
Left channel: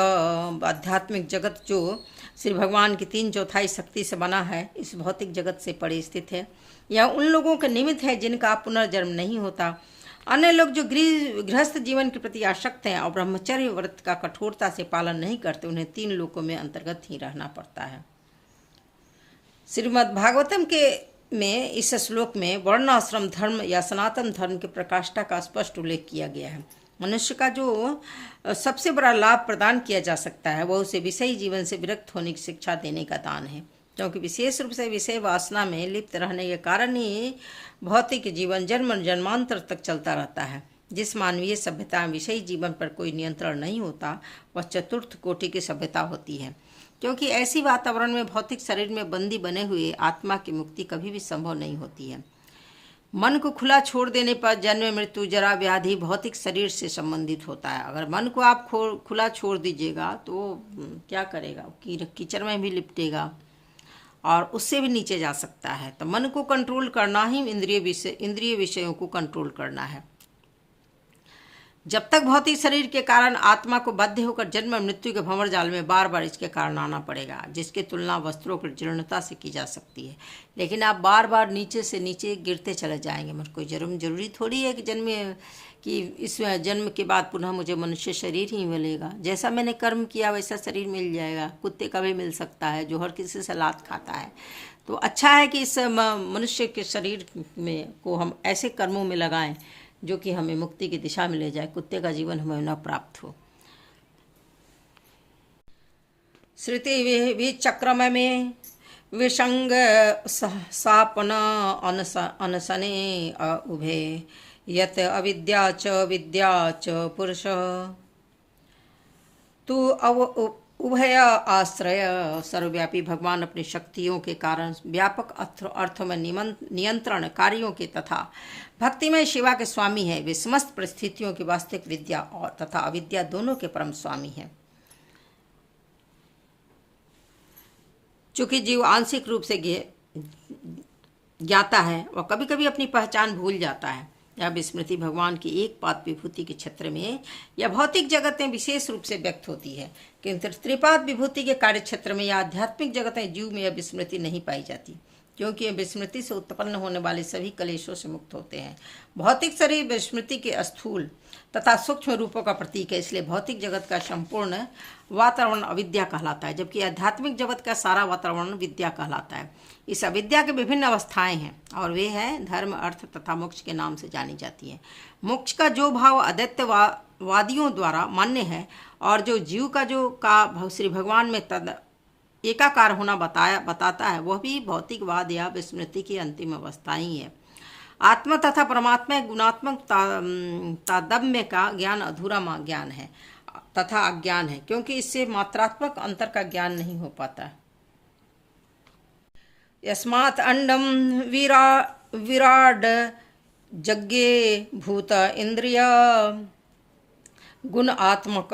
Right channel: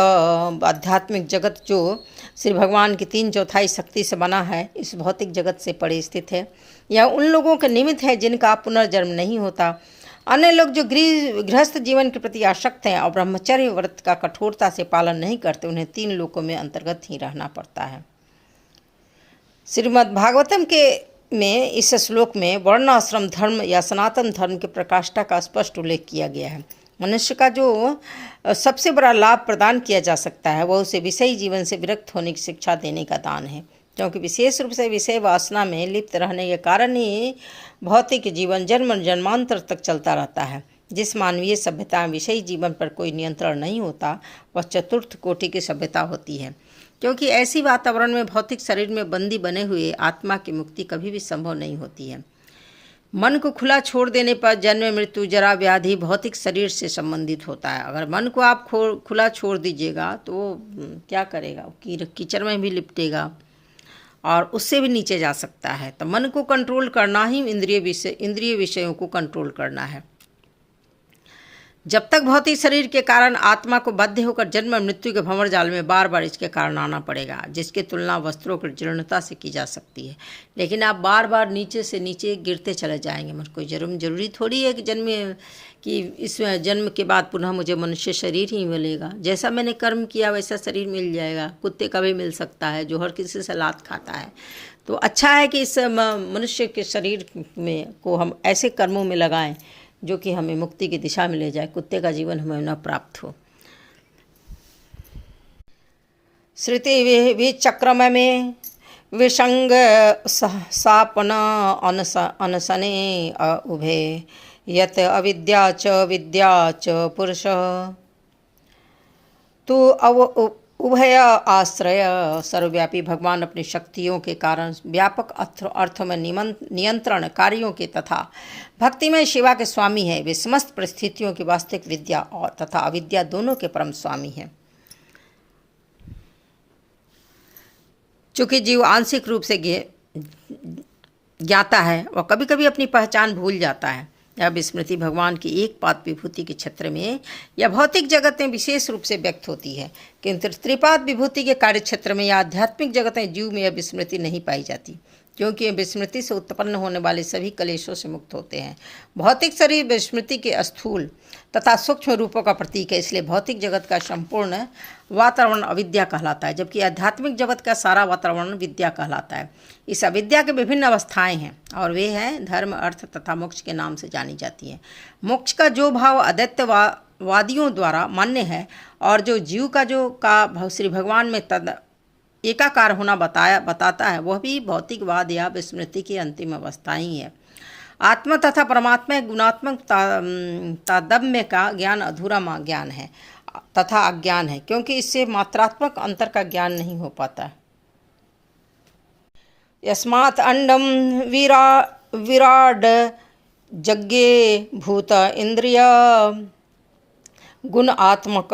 आध्यात्मिक जगत जो श्री भगवान की 3/4 शक्ति से बना है, इस भौतिक जगत से परे स्थित है। यह उन लोगों के निमित्त है जिनका पुनर्जन्म नहीं होता। अन्य लोग जो गृहस्थ जीवन के प्रति आसक्त हैं और ब्रह्मचर्य व्रत का कठोरता से पालन नहीं करते, उन्हें 3 लोकों में अंतर्गत ही रहना पड़ता है। श्रीमद् भागवतम में इस श्लोक में वर्णाश्रम धर्म या सनातन धर्म के प्रकाष्ठा का स्पष्ट उल्लेख किया गया है। मनुष्य का जो सबसे बड़ा लाभ प्रदान किया जा सकता है, वह उसे विषयी जीवन से विरक्त होने की शिक्षा देने का दान है, क्योंकि विशेष रूप से विषय वासना में लिप्त रहने के कारण ही भौतिक जीवन जन्म जन्मांतर तक चलता रहता है। जिस मानवीय सभ्यता में विषयी जीवन पर कोई नियंत्रण नहीं होता, वह चतुर्थ कोटि की सभ्यता होती है, क्योंकि ऐसी वातावरण में भौतिक शरीर में बंदी बने हुए आत्मा की मुक्ति कभी भी संभव नहीं होती है। मन को खुला छोड़ देने पर जन्म मृत्यु जरा व्याधि भौतिक शरीर से संबंधित होता है। अगर मन को आप खुला छोड़ दीजिएगा तो वो क्या करेगा, कीचड़ में भी लिपटेगा और उससे भी नीचे जा सकता है। तो मन को कंट्रोल करना ही इंद्रिय विषयों को कंट्रोल करना है। जब तक भौतिक शरीर के कारण आत्मा को बाध्य होकर जन्म मृत्यु के भंवर जाल में बार बार इसके कारण आना पड़ेगा, जिसकी तुलना वस्त्रों की जीर्णता से की जा सकती है। लेकिन आप बार बार नीचे से नीचे गिरते चले जाएंगे। मुझको जरूरी थोड़ी है कि इस जन्म के बाद पुनः मुझे मनुष्य शरीर ही मिलेगा। जैसा मैंने कर्म किया वैसा शरीर मिल जाएगा। कुत्ते का भी मिल सकता है जो हर किसी से लात खाता है। तो अच्छा है कि इस मनुष्य के शरीर में को हम ऐसे कर्मों में लगाएं जो कि हमें मुक्ति की दिशा में ले जाए, कुत्ते का जीवन हमें न प्राप्त हो। श्रुति विचक्रम में विसंग सापन अनसने उभे यत अविद्या च विद्या च पुरुष तू उभय आश्रय। सर्वव्यापी भगवान अपनी शक्तियों के कारण व्यापक अर्थों में नियंत्रण कार्यों के तथा भक्तिमय शिवा के स्वामी है। वे समस्त परिस्थितियों की वास्तविक विद्या और तथा अविद्या दोनों के परम स्वामी हैं। चूंकि जीव आंशिक रूप से ज्ञाता है और कभी कभी अपनी पहचान भूल जाता है। यह विस्मृति भगवान की एक पाद विभूति के क्षेत्र में या भौतिक जगत में विशेष रूप से व्यक्त होती है, किंतु त्रिपाद विभूति के कार्य क्षेत्र में या आध्यात्मिक जगत में जीव में यह विस्मृति नहीं पाई जाती, क्योंकि विस्मृति से उत्पन्न होने वाले सभी कलेशों से मुक्त होते हैं। भौतिक शरीर विस्मृति के स्थूल तथा सूक्ष्म रूपों का प्रतीक है, इसलिए भौतिक जगत का संपूर्ण वातावरण अविद्या कहलाता है, जबकि आध्यात्मिक जगत का सारा वातावरण विद्या कहलाता है। इस अविद्या के विभिन्न अवस्थाएं हैं और वे हैं धर्म, अर्थ तथा मोक्ष के नाम से जानी जाती हैं। मोक्ष का जो भाव अद्वैतवादियों द्वारा मान्य है और जो जीव का श्री भगवान में तद एकाकार होना बताता है, वह भी भौतिकवाद या विस्मृति की अंतिम अवस्था ही है। आत्मा तथा परमात्मा गुणात्मक तादम्य का ज्ञान अधूरा ज्ञान है तथा अज्ञान है, क्योंकि इससे मात्रात्मक अंतर का ज्ञान नहीं हो पाता। यस्मात् अंडम विराड जज्ञे भूत इंद्रिय गुण आत्मक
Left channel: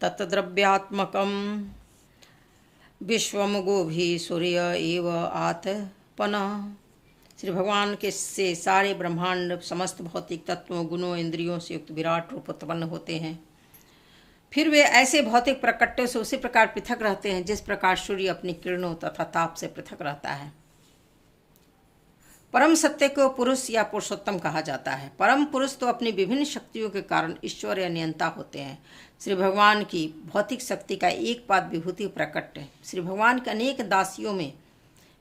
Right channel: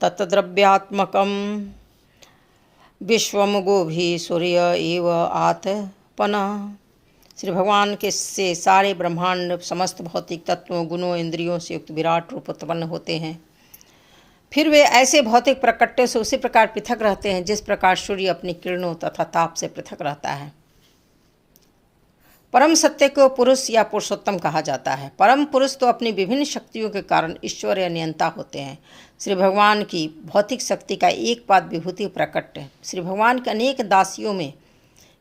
तत्द्रव्यात्मकम विश्वमुगो भी सूर्य एव आत्पन। श्री भगवान के से सारे ब्रह्मांड समस्त भौतिक तत्वों, गुणों, इंद्रियों से युक्त विराट रूप उत्पन्न होते हैं। फिर वे ऐसे भौतिक प्रकट्य से उसी प्रकार पृथक रहते हैं जिस प्रकार सूर्य अपनी किरणों तथा ताप से पृथक रहता है। परम सत्य को पुरुष या पुरुषोत्तम कहा जाता है। परम पुरुष तो अपनी विभिन्न शक्तियों के कारण ईश्वर या नियंता होते हैं। श्री भगवान की भौतिक शक्ति का एक पाद विभूति प्रकट श्री भगवान के अनेक दासियों में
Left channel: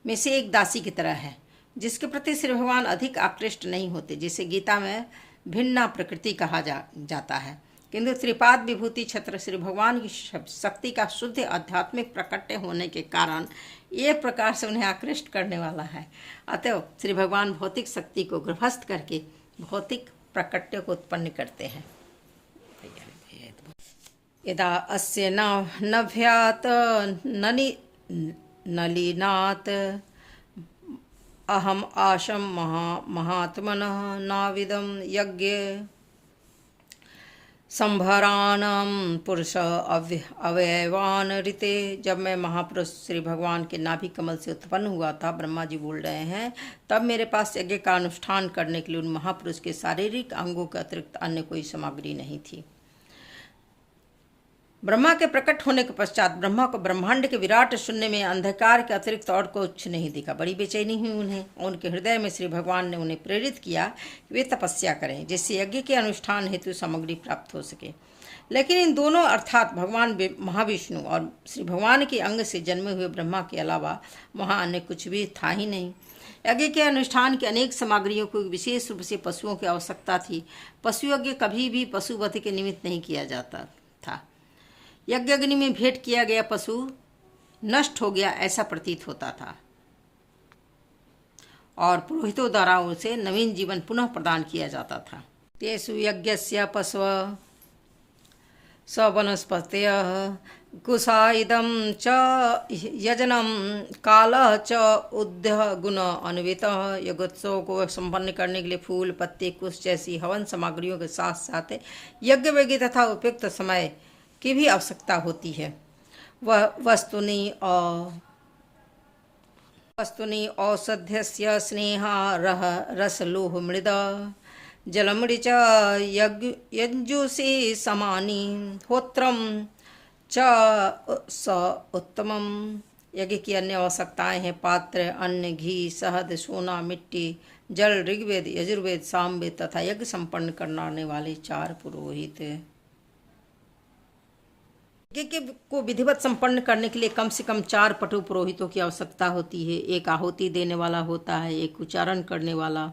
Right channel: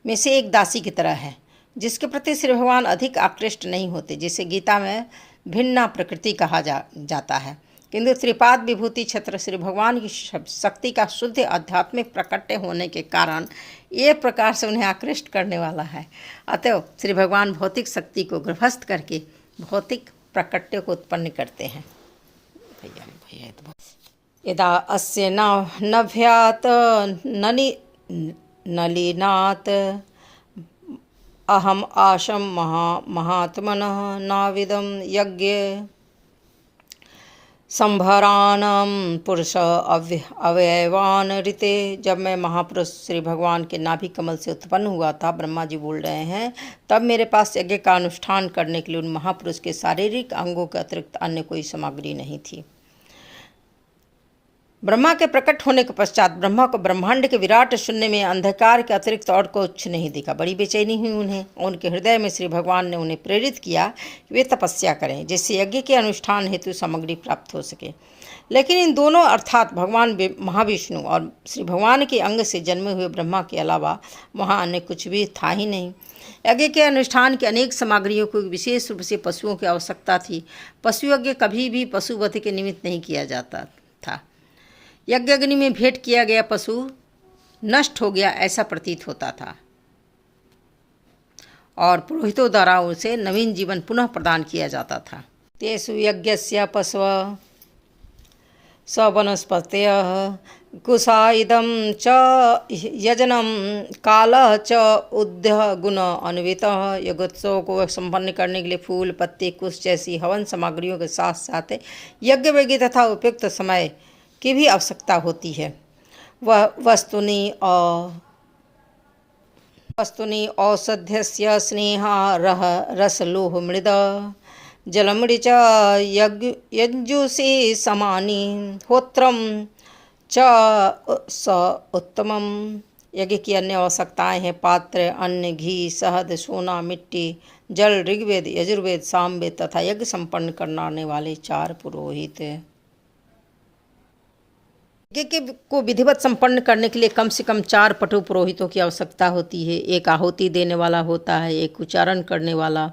से एक दासी की तरह है, जिसके प्रति श्री भगवान अधिक आकृष्ट नहीं होते, जिसे गीता में भिन्ना प्रकृति कहा जाता है। किंतु त्रिपाद विभूति क्षेत्र श्री भगवान की शक्ति का शुद्ध आध्यात्मिक प्रकट्य होने के कारण एक प्रकार से उन्हें आकृष्ट करने वाला है। अतः श्री भगवान भौतिक शक्ति को गृहस्थ करके भौतिक प्रकट्य को उत्पन्न करते हैं। यदा अस्य नभ्यात नलिनात् अहम आशम महात्मनः नाविदं यज्ञ संभरानम पुरुष अवयवान ऋते। जब मैं महापुरुष श्री भगवान के नाभि कमल से उत्पन्न हुआ था, ब्रह्मा जी बोल रहे हैं, तब मेरे पास यज्ञ का अनुष्ठान करने के लिए उन महापुरुष के शारीरिक अंगों के अतिरिक्त अन्य कोई सामग्री नहीं थी। ब्रह्मा के प्रकट होने के पश्चात ब्रह्मा को ब्रह्मांड के विराट शून्य में अंधकार के अतिरिक्त और कुछ नहीं दिखा। बड़ी बेचैनी हुई उन्हें, और उनके हृदय में श्री भगवान ने उन्हें प्रेरित किया कि वे तपस्या करें, जिससे यज्ञ के अनुष्ठान हेतु सामग्री प्राप्त हो सके। लेकिन इन दोनों अर्थात भगवान महाविष्णु और श्री भगवान के अंग से जन्मे हुए ब्रह्मा के अलावा वहाँ अन्य कुछ भी था ही नहीं। यज्ञ के अनुष्ठान की अनेक सामग्रियों को विशेष रूप से पशुओं की आवश्यकता थी। पशु यज्ञ कभी भी पशुवध के निमित्त नहीं किया जाता था। यज्ञ अग्नि में भेंट किया गया पशु नष्ट हो गया ऐसा प्रतीत होता था और पुरोहितों द्वारा उसे नवीन जीवन पुनः प्रदान किया जाता था। तेषु यज्ञस्य पशव स वनस्पतयः कुशाइदं च यजनं कालः च उद्य गुण अन्वितः। यज्ञोत्सव को संपन्न करने के लिए फूल, पत्ते, कुश जैसी हवन सामग्रियों के साथ साथ यज्ञ वेगी तथा उपयुक्त समय की भी आवश्यकता होती है। वह वस्तुनि औषध्यस्य स्नेहारः रसलोह मृद जलमृ च यज्जुषि समानि होत्रम च स उत्तमम। यज्ञ की अन्य आवश्यकताएं हैं पात्र, अन्न, घी, शहद, सोना, मिट्टी, जल, ऋग्वेद, यजुर्वेद, सामवेद तथा यज्ञ संपन्न करने वाले 4 पुरोहित। यज्ञ को विधिवत संपन्न करने के लिए कम से कम 4 पटु पुरोहितों की आवश्यकता होती है। एक आहुति देने वाला होता है, एक उच्चारण करने वाला,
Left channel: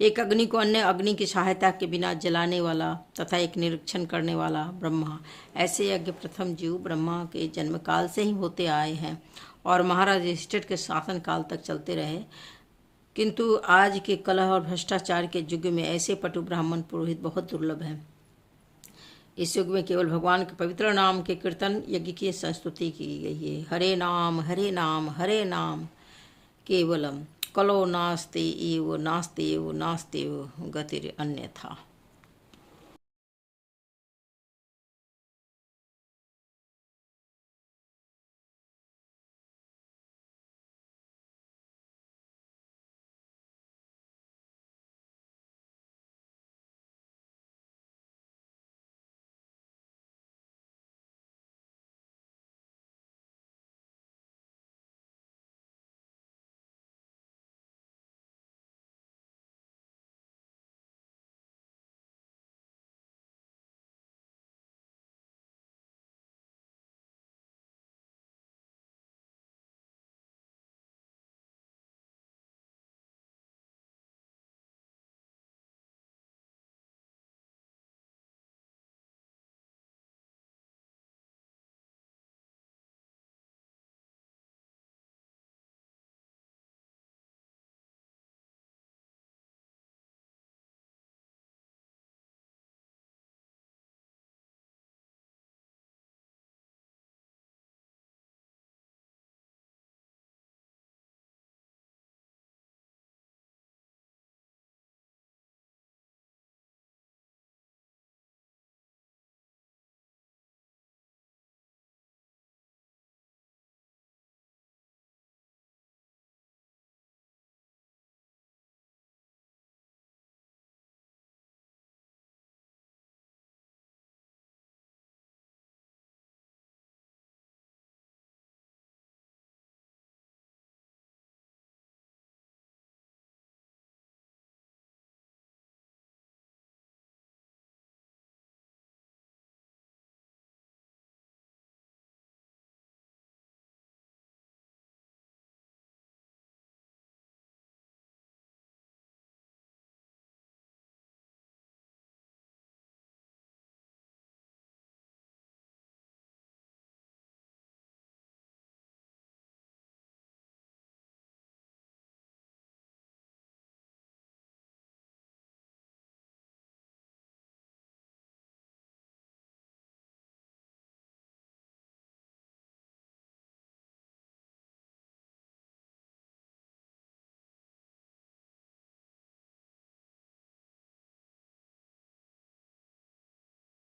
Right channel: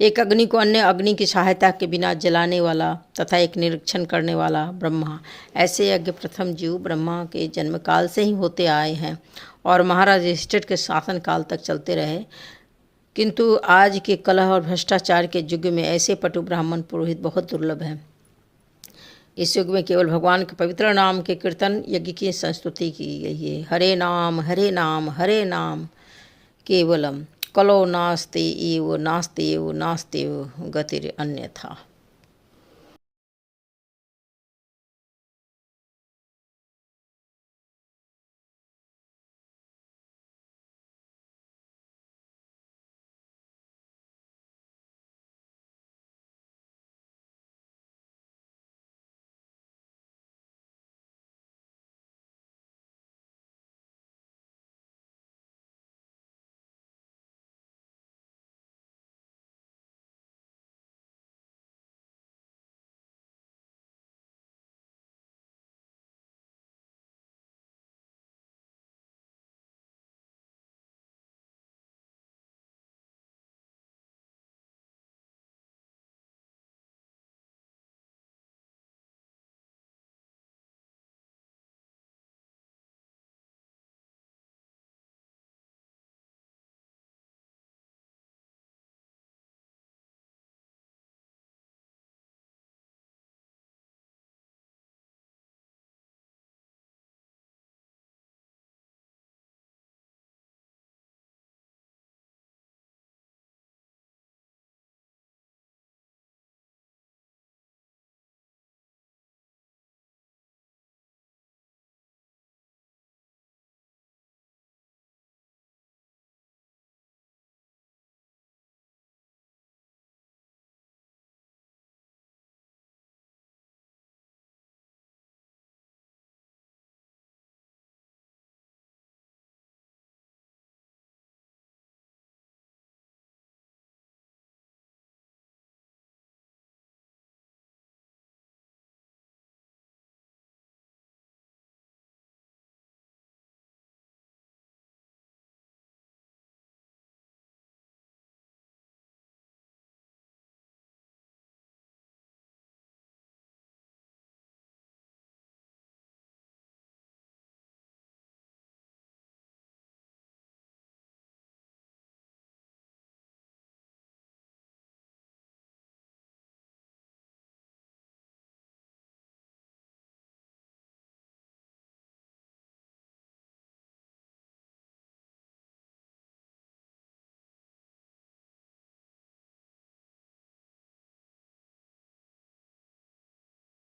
एक अग्नि को अन्य अग्नि की सहायता के बिना जलाने वाला तथा एक निरीक्षण करने वाला ब्रह्मा। ऐसे यज्ञ प्रथम जीव ब्रह्मा के जन्म काल से ही होते आए हैं और महाराज युधिष्ठिर के शासन काल तक चलते रहे। किंतु आज के कलह और भ्रष्टाचार के युग में ऐसे पटु ब्राह्मण पुरोहित बहुत दुर्लभ हैं। इस युग में केवल भगवान के पवित्र नाम के कीर्तन यज्ञ की संस्तुति की गई है। हरे नाम हरे नाम हरे नाम केवलम, कलो नास्ते एव नास्ते एव नास्ते एव गतिर अन्यथा।